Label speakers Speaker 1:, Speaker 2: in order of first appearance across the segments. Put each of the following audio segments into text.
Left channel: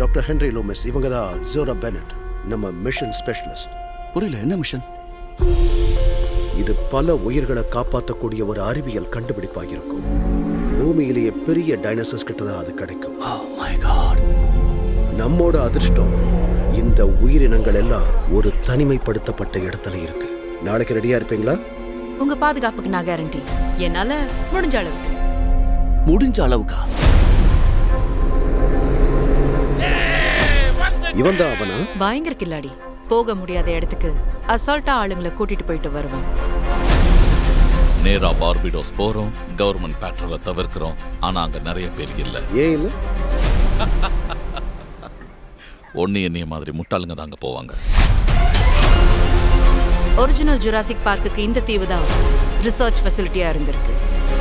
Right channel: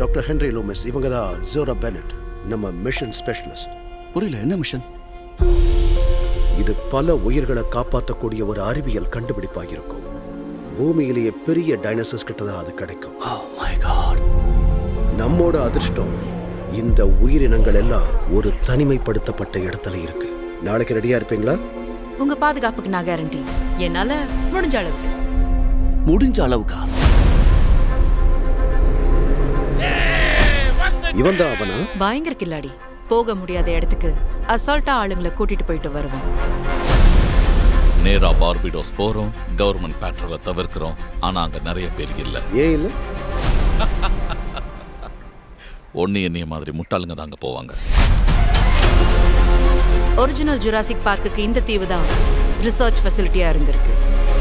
Speaker 1: Doctor Henry Loomis. இவங்க தான் ஜோரா பெனட், நம்ம மிஷன் ஸ்பெஷலிஸ்ட்.
Speaker 2: புரியல, என்ன மிஷன்?
Speaker 1: இது பல உயிர்களை காப்பாற்றக்கூடிய ஒரு அறிவியல் கண்டுபிடிப்பாக இருக்கும். பூமியிலேயே பெரிய டைனோசர்ஸ் கிட்ட தான் அது கிடைக்கும்.
Speaker 2: Oh my God.
Speaker 1: நம்மோட அதிர்ஷ்டம் இந்த உயிரினங்கள் எல்லாம் ஒரு தனிமைப்படுத்தப்பட்ட இடத்துல இருக்கு. நாளைக்கு ரெடியா இருப்பீங்களா?
Speaker 3: உங்க பாதுகாப்புக்கு நான் கேரண்டி. என்னால முடிஞ்ச அளவுக்கு.
Speaker 2: முடிஞ்ச அளவுக்கா?
Speaker 1: இவன் தான் அவனா?
Speaker 3: பயங்கர கில்லாடி. போக முடியாத இடத்துக்கு அசால்ட்டா ஆளுங்களை கூட்டிட்டு போயிட்டு வருவேன்.
Speaker 4: நேரா பார்பிடோஸ் போறோம், கவர்மெண்ட் பேட்ரோலை தவிர்க்கிறோம். ஆனா அங்க நிறைய பேர் இல்ல.
Speaker 1: ஏன் இல்ல?
Speaker 4: ஒன்னு என்னைய மாதிரி முட்டாளுங்க தாங்க போவாங்க.
Speaker 3: ஒரிஜினல் ஜுராசிக் பார்க்குக்கு இந்த தீவு தான் ரிசர்ச் ஃபெசிலிட்டியா இருந்திருக்கு.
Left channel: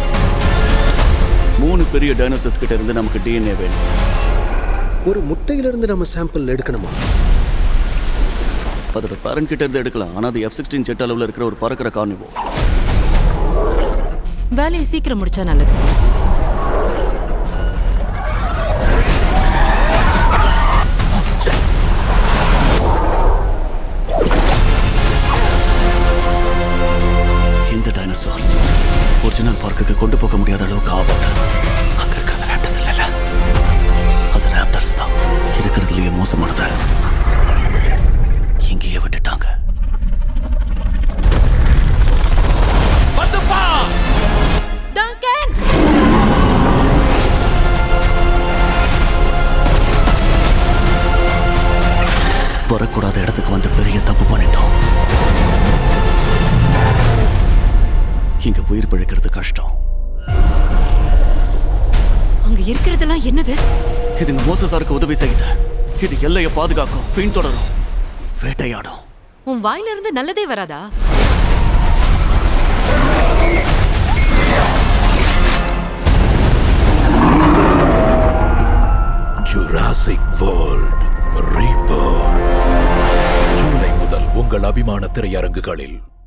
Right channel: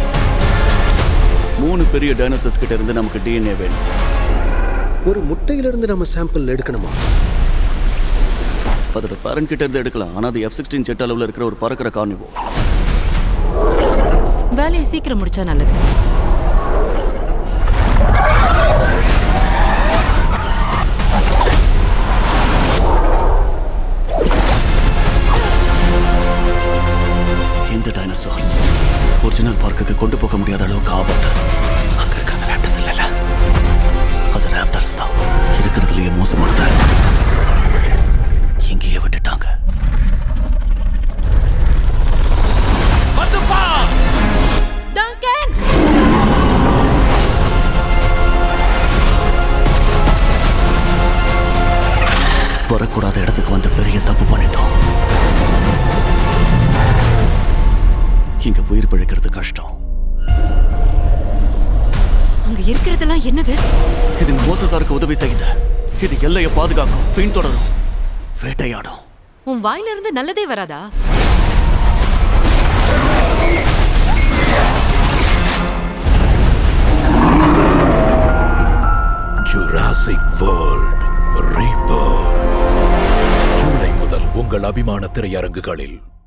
Speaker 2: 3 பெரிய டைனோசர்ஸ் கிட்ட இருந்து நமக்கு டிஎன்ஏ வேணும்.
Speaker 1: ஒரு முட்டையிலிருந்து நம்ம சாம்பிள் எடுக்கணுமா?
Speaker 2: அதோட பேரண்ட் கிட்ட இருந்து எடுக்கலாம். ஆனா அது F-16 ஜெட் அளவுல இருக்கிற ஒரு பறக்கிற கார்னிவோ.
Speaker 3: வேலையை சீக்கிரம் முடிச்சா நல்லது.
Speaker 2: இந்த டைனோசார் ஒரிஜினல் பார்க்குக்கு கொண்டு போக முடியாத அளவுக்கு ஆபத்து. அங்க இருக்கிறது ராப்டர்ஸ் இல்ல, அது ராப்டர்ஸ் தான். இருக்கிறதுலயே மோசமானது எங்கேயே விட்டுட்டாங்க.
Speaker 3: டங்கன்!
Speaker 2: வரக்கூடாத இடத்துக்கு வந்து பெரிய தப்பு பண்ணிட்டோம். இங்க உயிர் பிழைக்கிறது கஷ்டம்.
Speaker 3: அங்க இருக்கிறதெல்லாம் என்னது?
Speaker 2: இது மோசஸாருக்கு உதவி செய்யுது. இது எல்லையை பாதுகாக்கும், பின்தொடரும், வேட்டையாடும்.
Speaker 3: உன் வாயில இருந்து நல்லதே வராதா?
Speaker 5: ஜுராசிக் வேர்ல்ட் ரீபர்த் ஜூலை முதல் உங்கள் அபிமான திரையரங்குகளில்.